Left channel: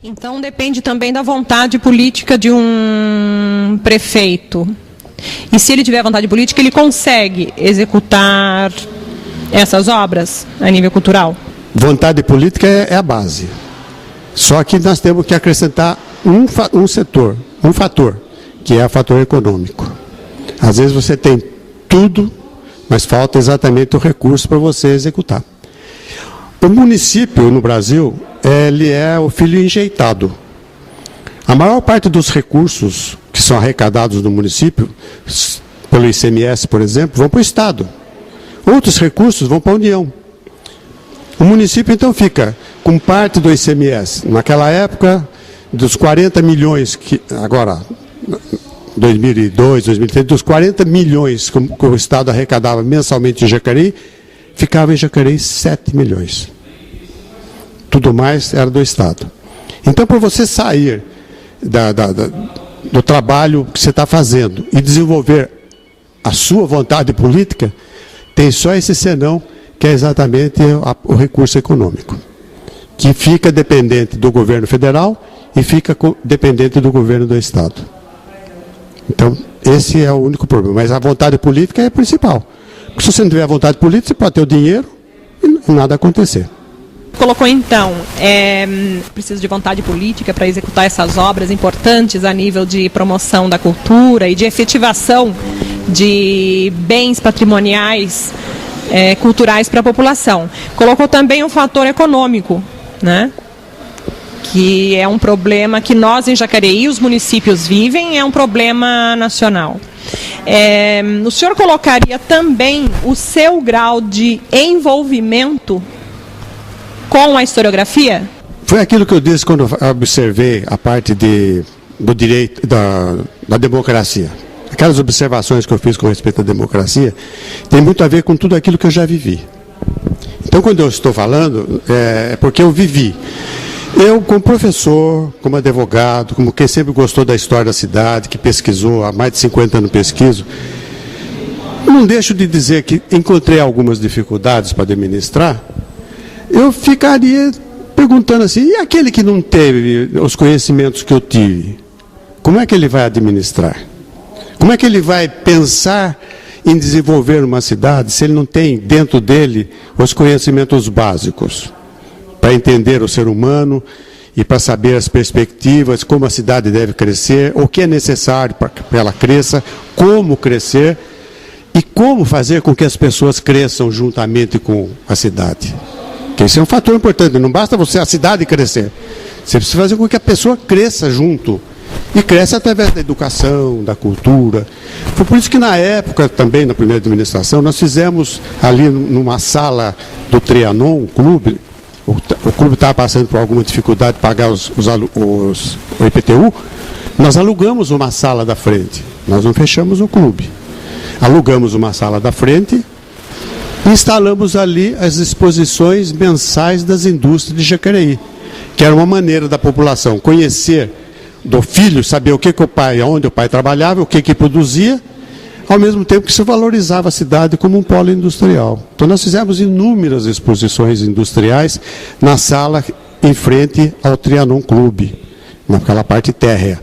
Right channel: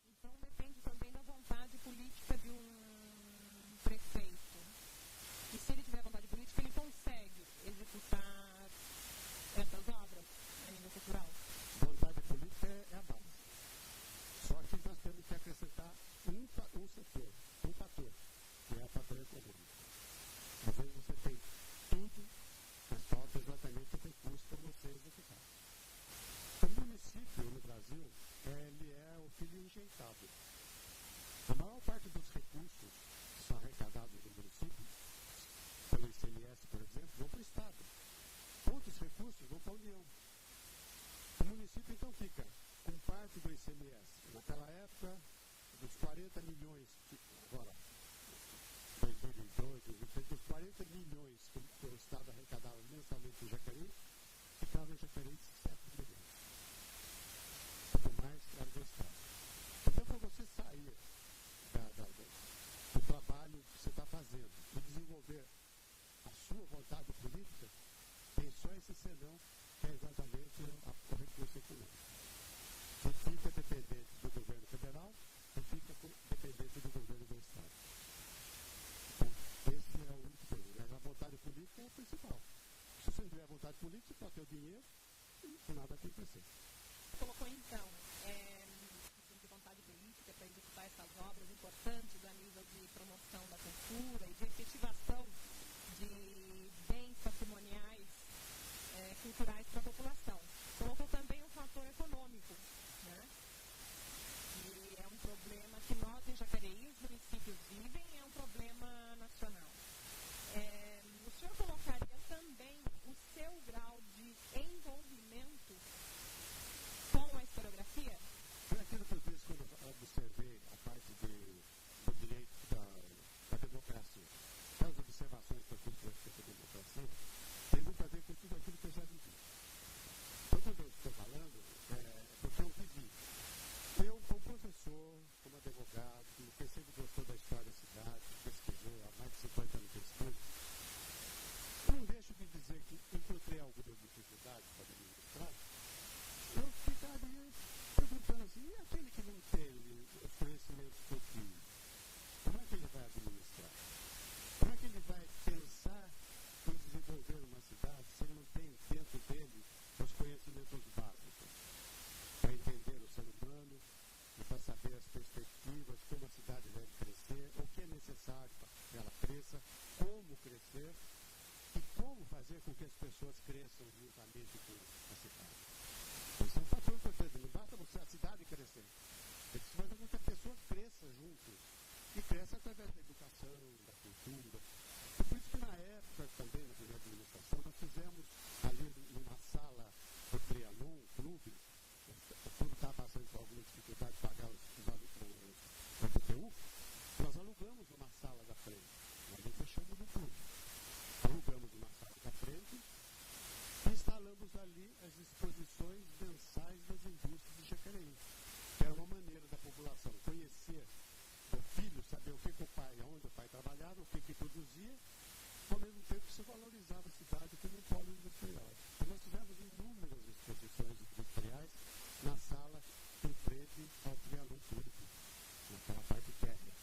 Então depende também da vontade política de um prefeito. E se ele tiver vontade política, ele consegue executar essas obras a nível cultural? Vontade política é a base. Só que nós temos que acrescentar um setor, um fator, que é o fator econômico. Às vezes você tem tudo, mas falta exatamente o recurso para você executar. O município no Brasil, ele é o filho enjeitado. A maior parte dos recursos que são arrecadados no município, pelo ICMS, por exemplo, vão para o Estado. Outros recursos vão para a União. O município, então, fica com parte do ICMS. Naquela época, dos 40 milhões, que agora, 2002, 2003, dos 40 milhões que o Estado arrecadava mensalmente em Jacareí, ficava em Jacareí 7 milhões. Tudo mais era do Estado. Então, para você sair do trabalho que você está fazendo e desenvolver a sua vontade política, tem só esse senão, que é exatamente o recurso econômico, que fica dependente do governo federal e fica dependente do governo do Estado. Então, esse é o único problema. Mas a vontade política é a principal. Porque se você não tiver vontade política, você pode ter o dinheiro e nada acontecer. Colocou então, precisa de vontade política para executar essas obras importantes a nível de promoção da cultura e de efetivação de bens patrimoniais culturais para a população. Colocou também o fator econômico, né? Que é um problema que nós em Jacareí, os municípios vivem, é um problema nacional. O senhor colocaria também o seu grau de envolvimento com a historiografia? Foi aquilo que eu disse quando eu observei a parte do direito, da democracia. Aquelas observações que eu fiz com respeito à democracia tem muito a ver com tudo aquilo que eu já vivi. Então, quando eu estou falando, é porque eu vivi. Eu, como professor, como advogado, como quem sempre gostou da história da cidade, que pesquisou, há mais de 50 anos pesquiso, não deixo de dizer que encontrei algumas dificuldades para administrar. Eu ficaria perguntando assim, e aquele que não teve os conhecimentos que eu tive? Como é que ele vai administrar? Como é que ele vai pensar em desenvolver uma cidade se ele não tem dentro dele os conhecimentos básicos para entender o ser humano e para saber as perspectivas, como a cidade deve crescer, o que é necessário para que ela cresça, como crescer e como fazer com que as pessoas cresçam juntamente com a cidade. Porque isso é um fator importante, não basta a cidade crescer, você precisa fazer com que a pessoa cresça junto. E cresce através da educação, da cultura. Foi por isso que na época, também na primeira administração, nós fizemos ali numa sala do Trianon, o clube estava passando por alguma dificuldade de pagar o IPTU, nós alugamos uma sala da frente. Nós não fechamos o clube. Alugamos uma sala da frente e instalamos ali as exposições mensais das indústrias de Jacareí, que era uma maneira da população conhecer do filho, saber o que o pai, onde o pai trabalhava, o que produzia, ao mesmo tempo que se valorizava a cidade como um polo industrial. Então nós fizemos inúmeras exposições industriais na sala em frente ao Trianon Clube, naquela parte térrea.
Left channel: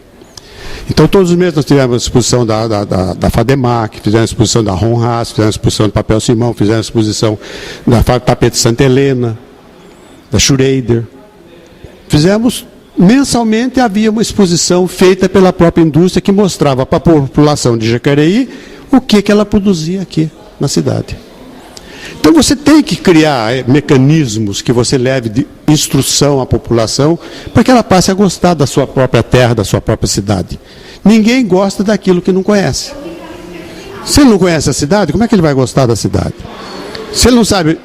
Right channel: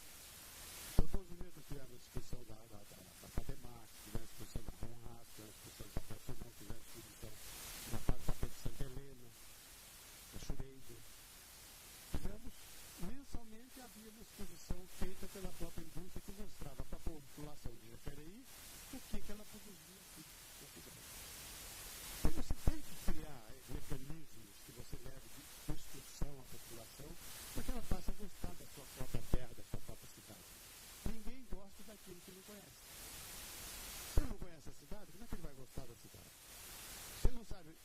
Então todos os meses nós tivemos a exposição da FADEMAC, fizemos a exposição da Ronras, fizemos a exposição do Papel Simão, fizemos a exposição da Fábrica Tapete Santa Helena, da Schrader. Fizemos. Mensalmente havia uma exposição feita pela própria indústria que mostrava para a população de Jacareí o que ela produzia aqui na cidade. Então você tem que criar mecanismos que você leve de instrução à população para que ela passe a gostar da sua própria terra, da sua própria cidade. Ninguém gosta daquilo que não conhece. Se ele não conhece a cidade, como é que ele vai gostar da cidade? Se ele não sabe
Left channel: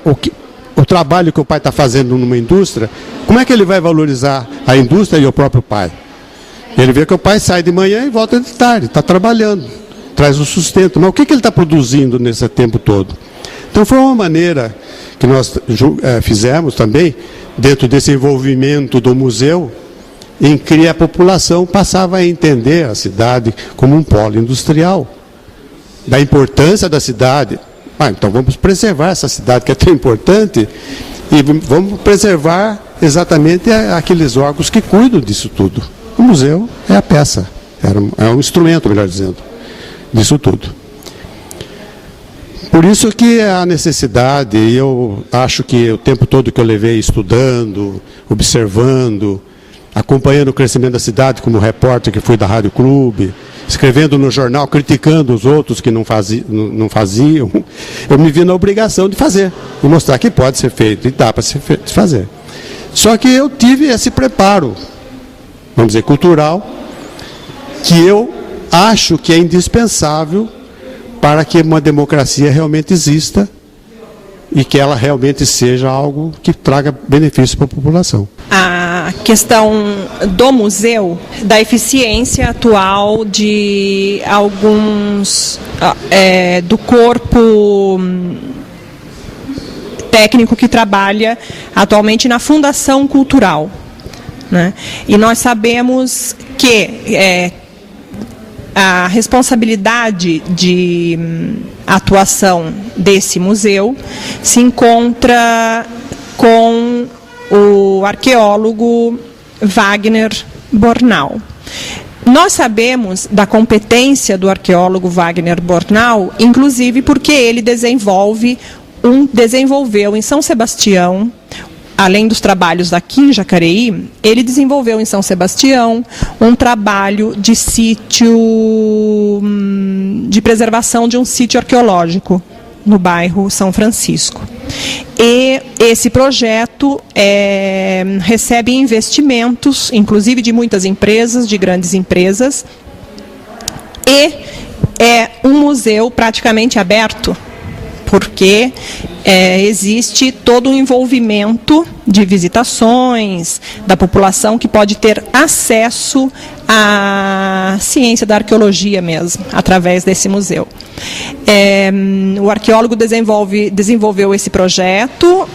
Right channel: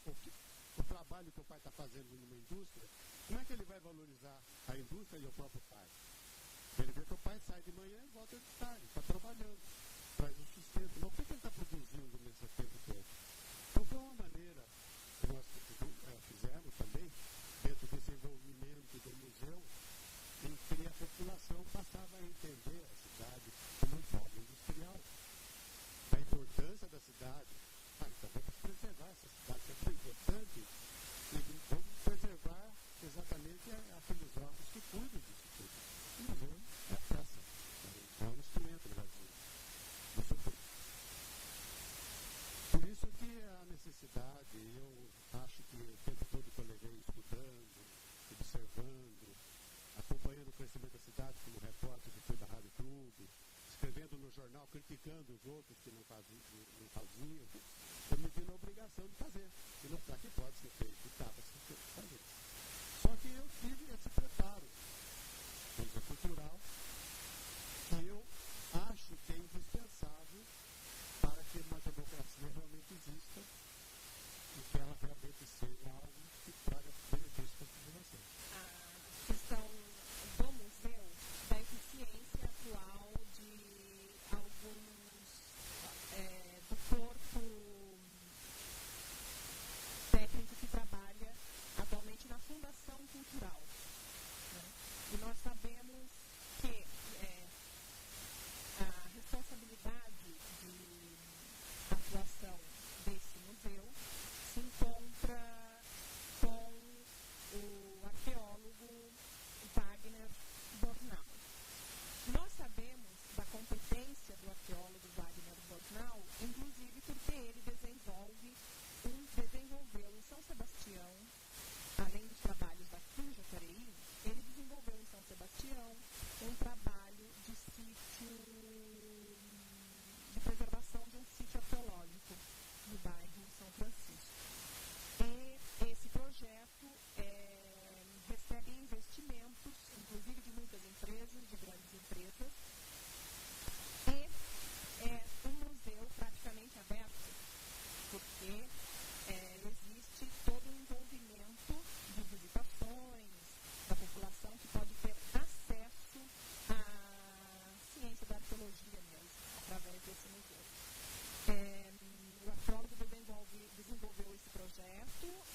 o trabalho que o pai está fazendo numa indústria, como é que ele vai valorizar a indústria e o próprio pai? Ele vê que o pai sai de manhã e volta de tarde, está trabalhando, traz o sustento. Mas o que ele está produzindo nesse tempo todo? Então foi uma maneira que nós fizemos também, dentro desse envolvimento do museu, em que a população passava a entender a cidade como um polo industrial, da importância da cidade. Então vamos preservar essa cidade que é tão importante e vamos preservar exatamente aqueles órgãos que cuidam disso tudo. O museu é a peça, é um instrumento, melhor dizendo, disso tudo. Por isso que a necessidade, e eu acho que o tempo todo que eu levei estudando, observando, acompanhando o crescimento da cidade como repórter que fui da Rádio Clube, escrevendo no jornal, criticando os outros que não faziam, eu me vi na obrigação de fazer, e mostrar que pode ser feito, e dá para se fazer. Só que eu tive esse preparo, vamos dizer, cultural, que eu acho que é indispensável para que uma democracia realmente exista e que ela realmente seja algo que traga benefício para a população. A questão do museu, da eficiência atual de alguns do corpo técnico que trabalha atualmente na Fundação Cultural, né? E nós sabemos que a responsabilidade de atuação desse museu se encontra com o arqueólogo Wagner Bornau. Nós sabemos da competência do arqueólogo Wagner Bornau, inclusive porque ele desenvolveu em São Sebastião, além dos trabalhos aqui em Jacareí, ele desenvolveu em São Sebastião um trabalho de sítio, de preservação de um sítio arqueológico no bairro São Francisco. E esse projeto recebe investimentos, inclusive de muitas empresas, de grandes empresas, e é um museu praticamente aberto, porque existe todo um envolvimento de visitações da população que pode ter acesso à ciência da arqueologia mesmo, através desse museu. O arqueólogo desenvolveu esse projeto,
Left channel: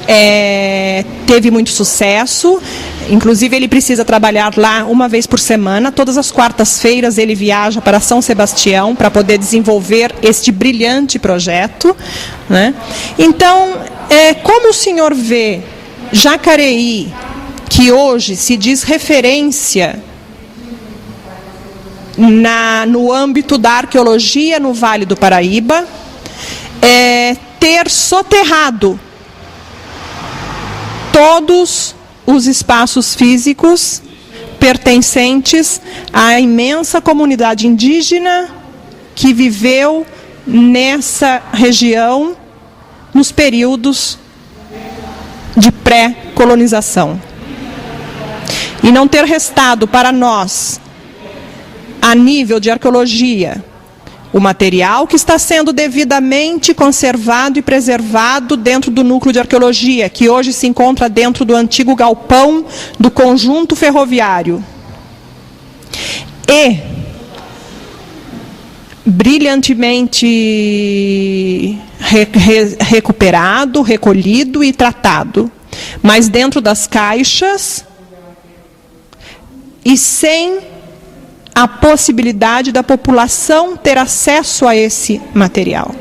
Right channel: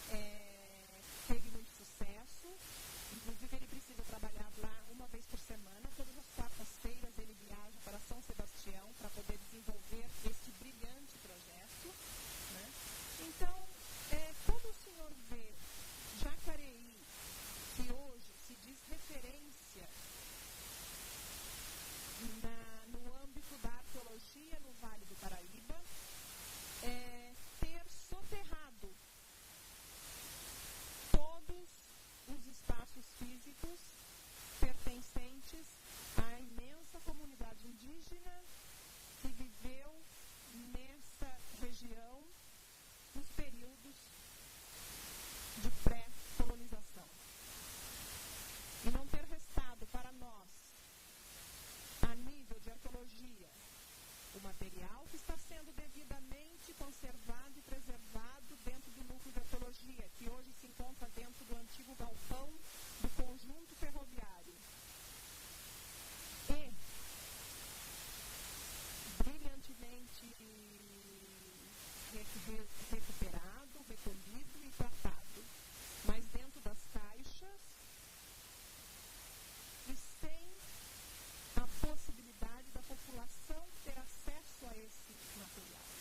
teve muito sucesso. Inclusive, ele precisa trabalhar lá uma vez por semana. Todas as quartas-feiras ele viaja para São Sebastião para poder desenvolver este brilhante projeto, né? Então, como o senhor vê Jacareí, que hoje se diz referência no âmbito da arqueologia no Vale do Paraíba, ter soterrado todos os espaços físicos pertencentes à imensa comunidade indígena que viveu nessa região nos períodos de pré-colonização. E não ter restado para nós, a nível de arqueologia, o material que está sendo devidamente conservado e preservado dentro do núcleo de arqueologia, que hoje se encontra dentro do antigo galpão do conjunto ferroviário. E brilhantemente recuperado, recolhido e tratado, mas dentro das caixas e sem a possibilidade da população ter acesso a esse material,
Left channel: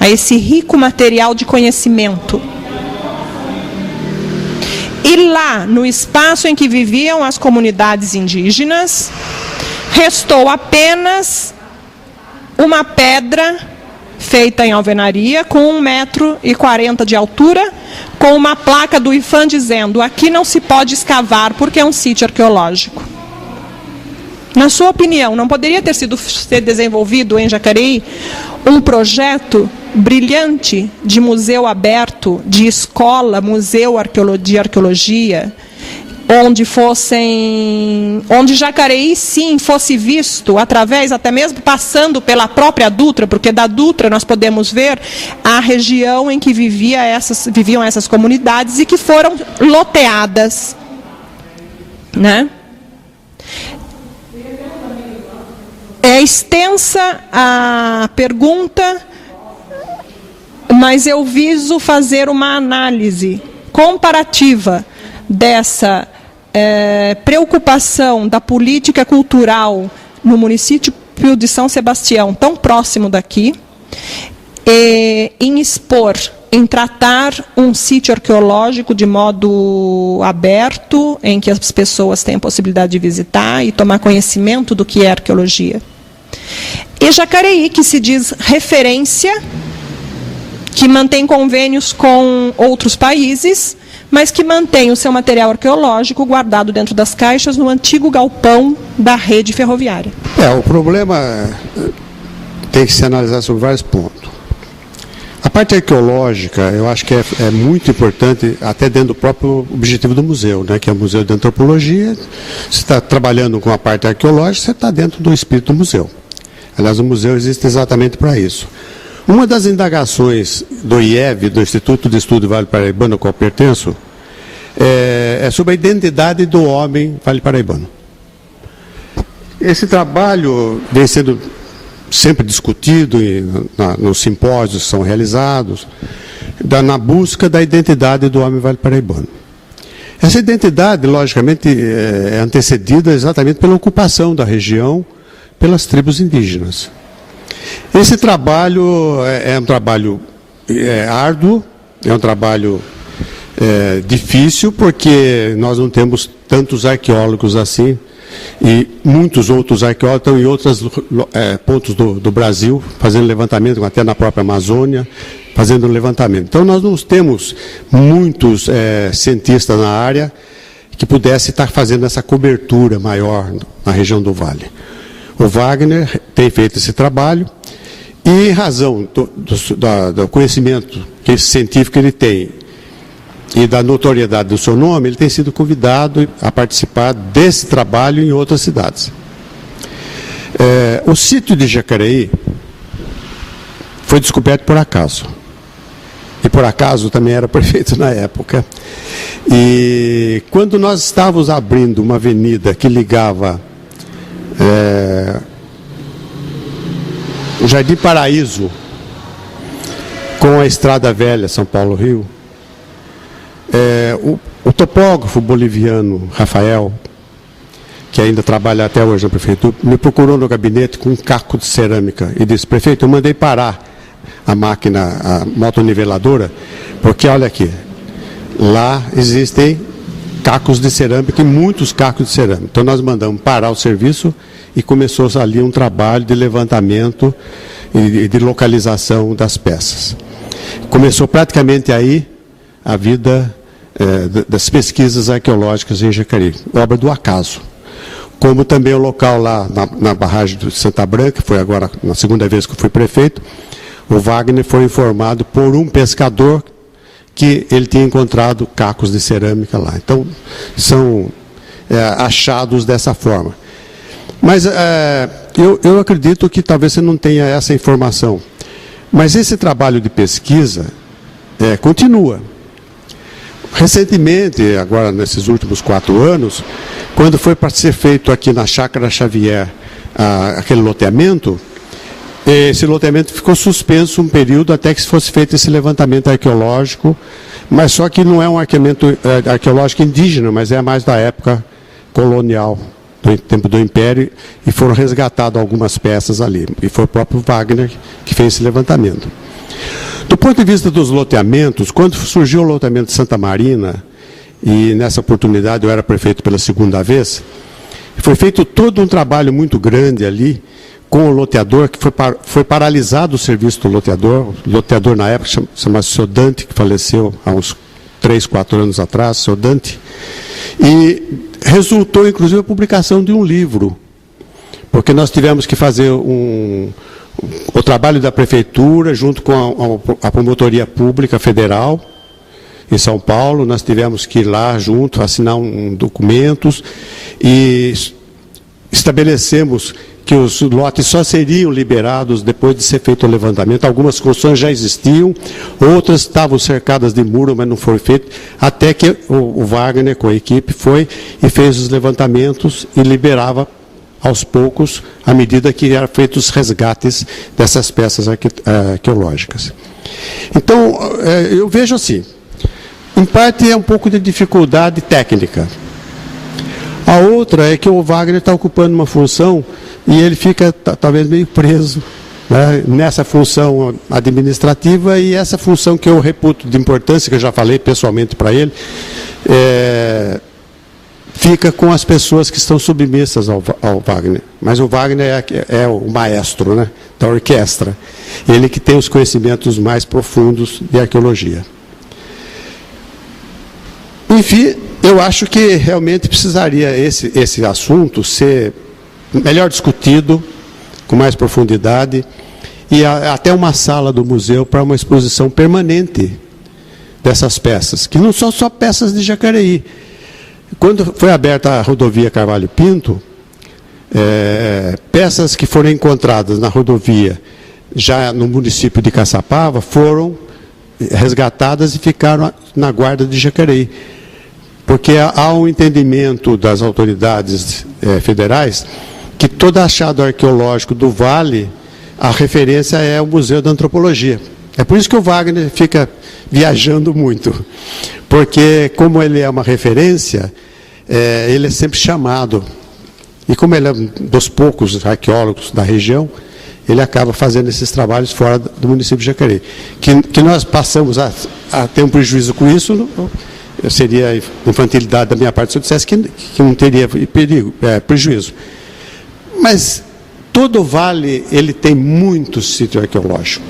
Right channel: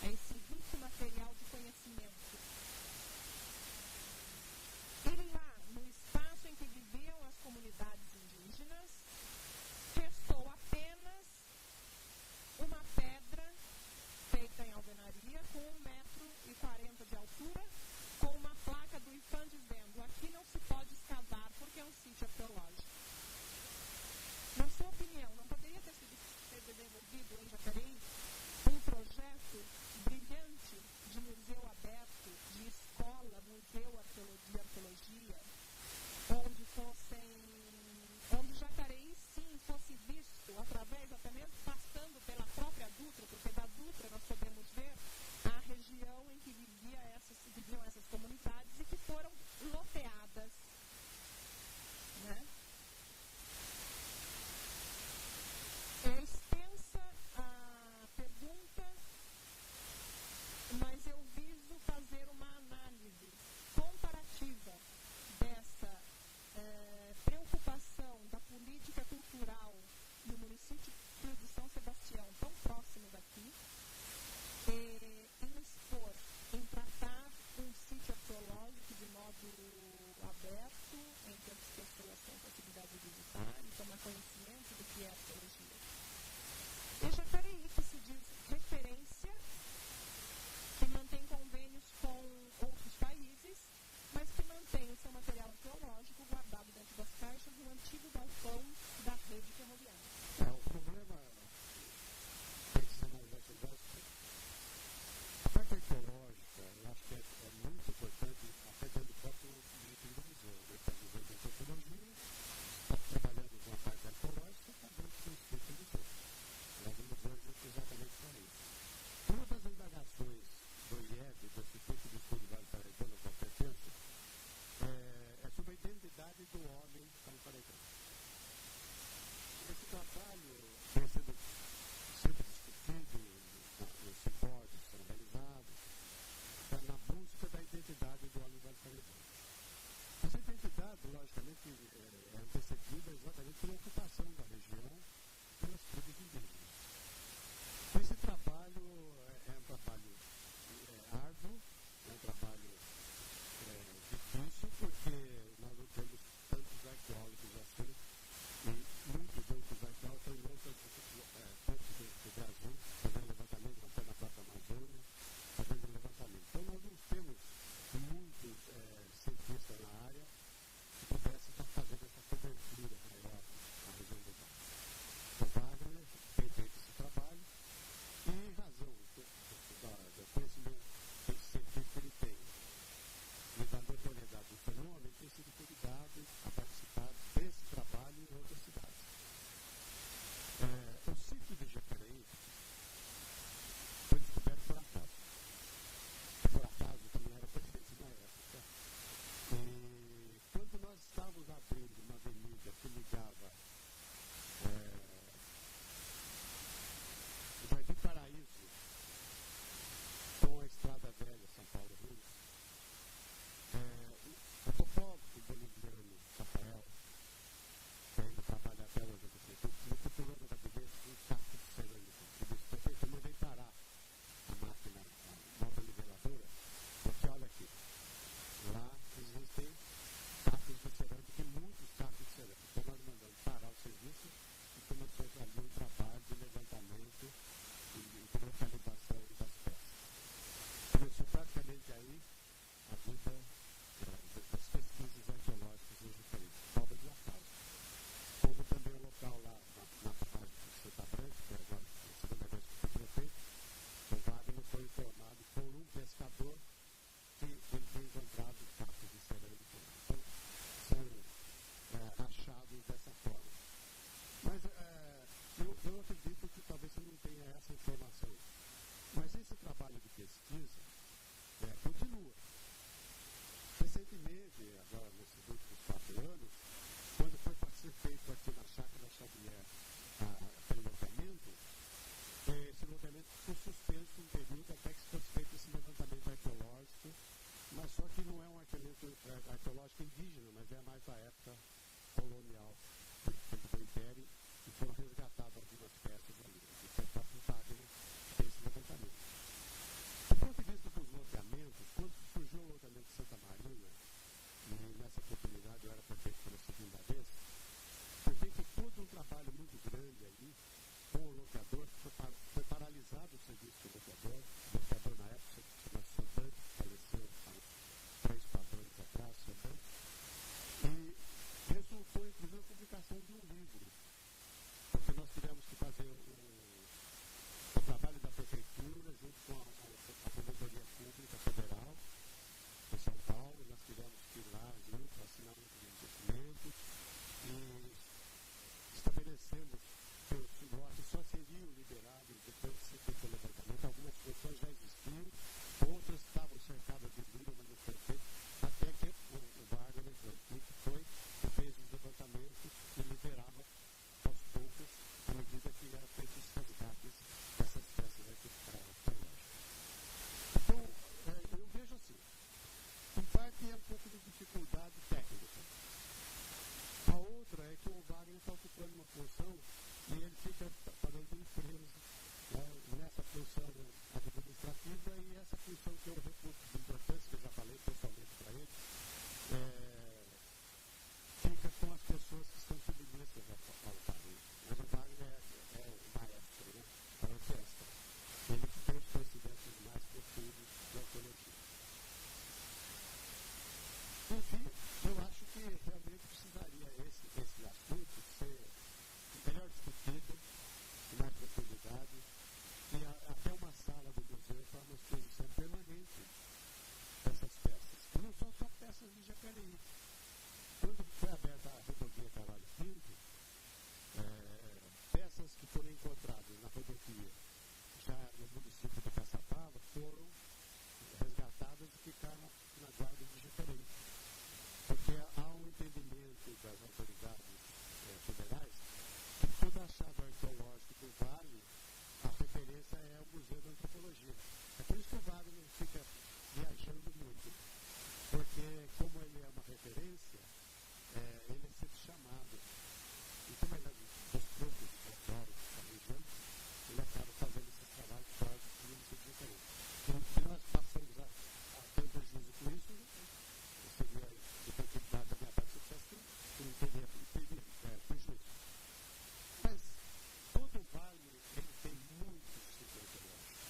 a esse rico material de conhecimento. E lá, no espaço em que viviam as comunidades indígenas, restou apenas uma pedra feita em alvenaria com 1,40 m de altura, com uma placa do IPHAN dizendo: aqui não se pode escavar porque é um sítio arqueológico. Na sua opinião, não poderia ter sido desenvolvido em Jacareí um projeto brilhante de museu aberto, de escola, museu de arqueologia, onde Jacareí, sim, fosse visto através, até mesmo passando pela própria Dutra, porque da Dutra nós podemos ver a região em que viviam essas comunidades e que foram loteadas, né? É extensa a pergunta, mas eu viso fazer uma análise comparativa dessa preocupação da política cultural no município de São Sebastião, tão próximo daqui, em expor em tratar um sítio arqueológico de modo aberto, em que as pessoas têm a possibilidade de visitar e tomar conhecimento do que é arqueologia. E Jacareí, que se diz referência, que mantém convênios com outros países, mas que mantém o seu material arqueológico guardado dentro das caixas no antigo galpão da rede ferroviária. O problema tem que se analisar sobre vários pontos. A parte arqueológica, eu acho que é muito importante, até dentro do próprio objetivo do museu, né, que é o Museu de Antropologia. Você está trabalhando com a parte arqueológica, você está dentro do espírito do museu. Aliás, o museu existe exatamente para isso. Uma das indagações do IEV, do Instituto de Estudo Vale Paraibano, ao qual pertenço, é sobre a identidade do homem vale paraibano. Esse trabalho vem sendo sempre discutido nos simpósios que são realizados, na busca da identidade do homem vale paraibano. Essa identidade, logicamente, é antecedida exatamente pela ocupação da região pelas tribos indígenas. Esse trabalho é um trabalho árduo, é um trabalho difícil, porque nós não temos tantos arqueólogos assim, e muitos outros arqueólogos estão em outros pontos do Brasil, fazendo levantamento, até na própria Amazônia, fazendo levantamento. Então, nós não temos muitos cientistas na área que pudessem estar fazendo essa cobertura maior na região do Vale. O Wagner tem feito esse trabalho e, em razão do conhecimento científico que ele tem e da notoriedade do seu nome, ele tem sido convidado a participar desse trabalho em outras cidades. O sítio de Jacareí foi descoberto por acaso. E por acaso também era prefeito na época. E quando nós estávamos abrindo uma avenida que ligava o Jardim Paraíso com a Estrada Velha, São Paulo-Rio, o topógrafo boliviano Rafael, que ainda trabalha até hoje na prefeitura, me procurou no gabinete com um caco de cerâmica e disse: prefeito, eu mandei parar a máquina, a motoniveladora, porque olha aqui, lá existem cacos de cerâmica e muitos cacos de cerâmica. Então nós mandamos parar o serviço e começou ali um trabalho de levantamento e de localização das peças. Começou praticamente aí a vida das pesquisas arqueológicas em Jacareí, obra do acaso. Como também o local lá na barragem de Santa Branca, foi agora na segunda vez que eu fui prefeito, o Wagner foi informado por um pescador que ele tinha encontrado cacos de cerâmica lá. Então, são achados dessa forma. Mas eu acredito que talvez você não tenha essa informação. Mas esse trabalho de pesquisa continua. Recentemente, agora nesses últimos 4 anos, quando foi para ser feito aqui na Chácara Xavier aquele loteamento, esse loteamento ficou suspenso um período até que fosse feito esse levantamento arqueológico, mas só que não é um arqueológico indígena, mas é mais da época colonial, do tempo do Império, e foram resgatadas algumas peças ali. E foi o próprio Wagner que fez esse levantamento. Do ponto de vista dos loteamentos, quando surgiu o loteamento de Santa Marina, e nessa oportunidade eu era prefeito pela segunda vez, foi feito todo um trabalho muito grande ali, com o loteador, que foi paralisado o serviço do loteador. O loteador na época chamava-se Seu Dante, que faleceu há uns 3, 4 anos atrás, Seu Dante, e resultou inclusive a publicação de um livro, porque nós tivemos que fazer o trabalho da prefeitura junto com a promotoria pública federal em São Paulo. Nós tivemos que ir lá junto, assinar documentos e estabelecemos que os lotes só seriam liberados depois de ser feito o levantamento. Algumas construções já existiam, outras estavam cercadas de muro, mas não foi feito, até que o Wagner, com a equipe, foi e fez os levantamentos e liberava aos poucos, à medida que eram feitos os resgates dessas peças arqueológicas. Então, eu vejo assim, em parte é um pouco de dificuldade técnica. A outra é que o Wagner está ocupando uma função e ele fica talvez meio preso né, nessa função administrativa, e essa função que eu reputo de importância, que eu já falei pessoalmente para ele, fica com as pessoas que estão submissas ao Wagner. Mas o Wagner é o maestro, né, da orquestra. Ele que tem os conhecimentos mais profundos de arqueologia. Enfim, eu acho que realmente precisaria esse assunto ser melhor discutido, com mais profundidade, e até uma sala do museu para uma exposição permanente dessas peças, que não são só peças de Jacareí. Quando foi aberta a rodovia Carvalho Pinto, peças que foram encontradas na rodovia, já no município de Caçapava, foram resgatadas e ficaram na guarda de Jacareí. Porque há um entendimento das autoridades federais que todo achado arqueológico do Vale, a referência é o Museu da Antropologia. É por isso que o Wagner fica viajando muito. Porque, como ele é uma referência, ele é sempre chamado. E como ele é um dos poucos arqueólogos da região, ele acaba fazendo esses trabalhos fora do município de Jacareí. Que nós passamos a ter um prejuízo com isso, seria infantilidade da minha parte se eu dissesse que não teria prejuízo. Mas todo o vale ele tem muito sítio arqueológico.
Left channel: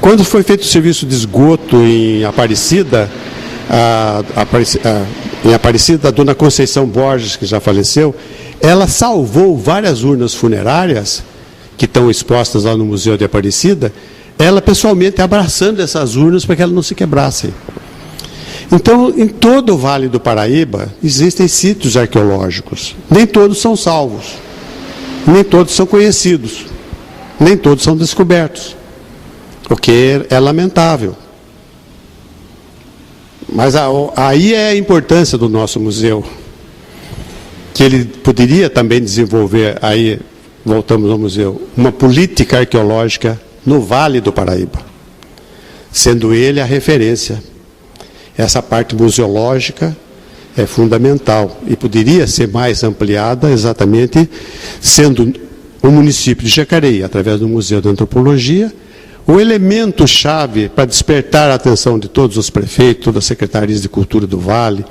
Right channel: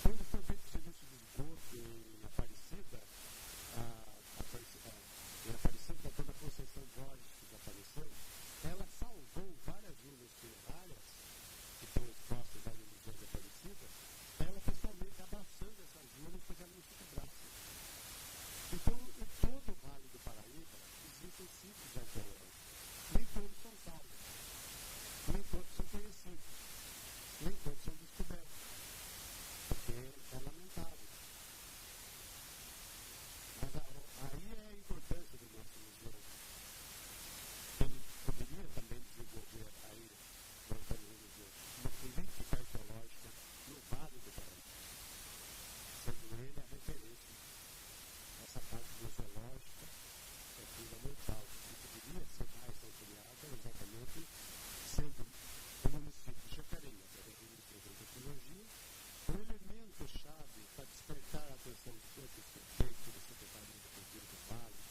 Quando foi feito o serviço de esgoto em Aparecida, a dona Conceição Borges, que já faleceu, ela salvou várias urnas funerárias que estão expostas lá no Museu de Aparecida, ela pessoalmente abraçando essas urnas para que elas não se quebrassem. Então, em todo o Vale do Paraíba, existem sítios arqueológicos. Nem todos são salvos, nem todos são conhecidos, nem todos são descobertos, o que é lamentável. Mas aí é a importância do nosso museu, que ele poderia também desenvolver, aí voltamos ao museu, uma política arqueológica no Vale do Paraíba, sendo ele a referência. Essa parte museológica é fundamental e poderia ser mais ampliada exatamente sendo o município de Jacareí, através do Museu da Antropologia, o elemento-chave para despertar a atenção de todos os prefeitos, todas as secretarias de cultura do Vale,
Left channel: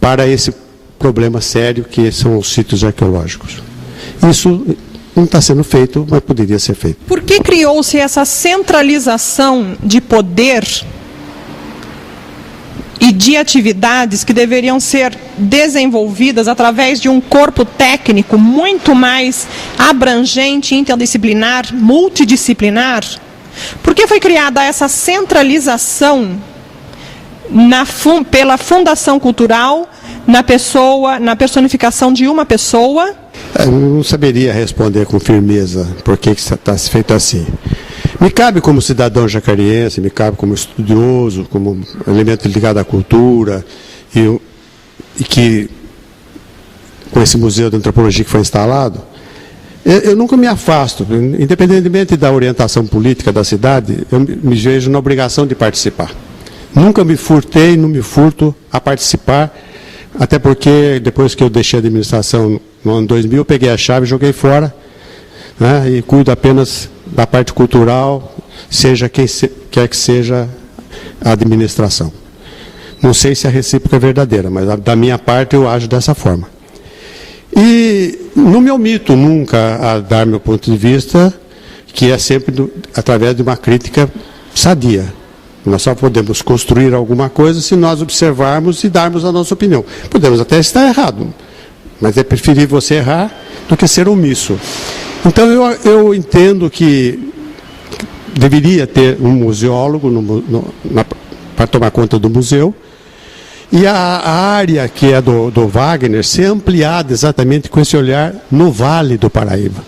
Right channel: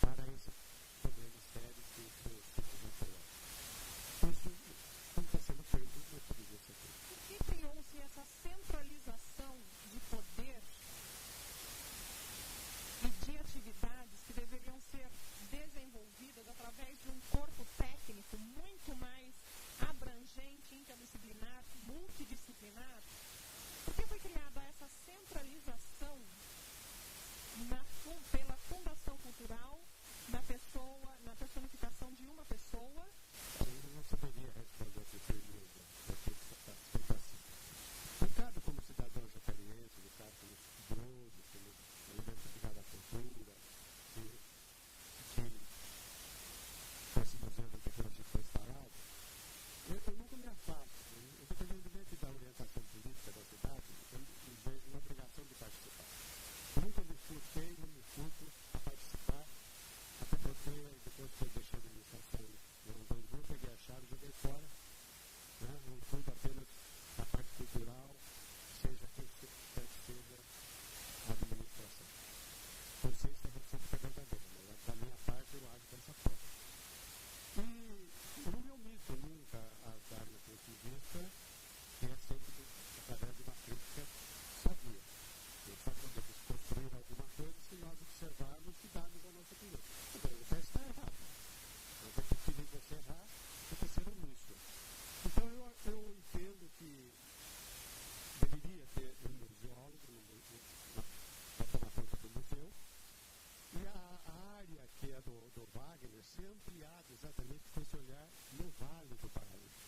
para esse problema sério que são os sítios arqueológicos. Isso não está sendo feito, mas poderia ser feito. Por que criou-se essa centralização de poder e de atividades que deveriam ser desenvolvidas através de um corpo técnico muito mais abrangente, interdisciplinar, multidisciplinar? Por que foi criada essa centralização pela Fundação Cultural, na personificação de uma pessoa? Eu não saberia responder com firmeza por que está feito assim. Me cabe como cidadão jacariense, me cabe como estudioso, como elemento ligado à cultura, e que, com esse Museu de Antropologia que foi instalado, eu nunca me afasto, independentemente da orientação política da cidade, eu me vejo na obrigação de participar. Nunca me furtei, não me furto a participar, até porque depois que eu deixei a administração no ano 2000, eu peguei a chave e joguei fora, né, e cuido apenas da parte cultural, seja quem quer que seja a administração. Não sei se a recíproca é verdadeira, mas da minha parte eu ajo dessa forma. E não me omito nunca a dar meu ponto de vista, que é sempre através de uma crítica sadia. Nós só podemos construir alguma coisa se nós observarmos e darmos a nossa opinião. Podemos até estar errado, mas é preferível você errar do que ser omisso. Então, eu entendo que deveria ter um museólogo para tomar conta do museu, e a área que é do Wagner ser ampliada exatamente com esse olhar no Vale do Paraíba,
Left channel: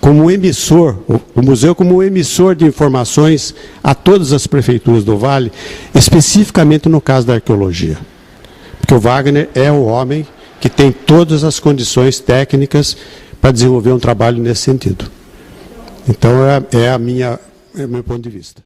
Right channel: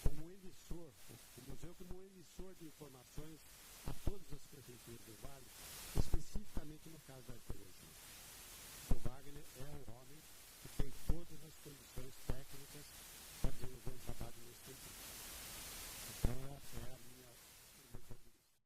como emissor, o museu como emissor de informações a todas as prefeituras do Vale, especificamente no caso da arqueologia. Porque o Wagner é o homem que tem todas as condições técnicas para desenvolver um trabalho nesse sentido. Então, é o meu ponto de vista.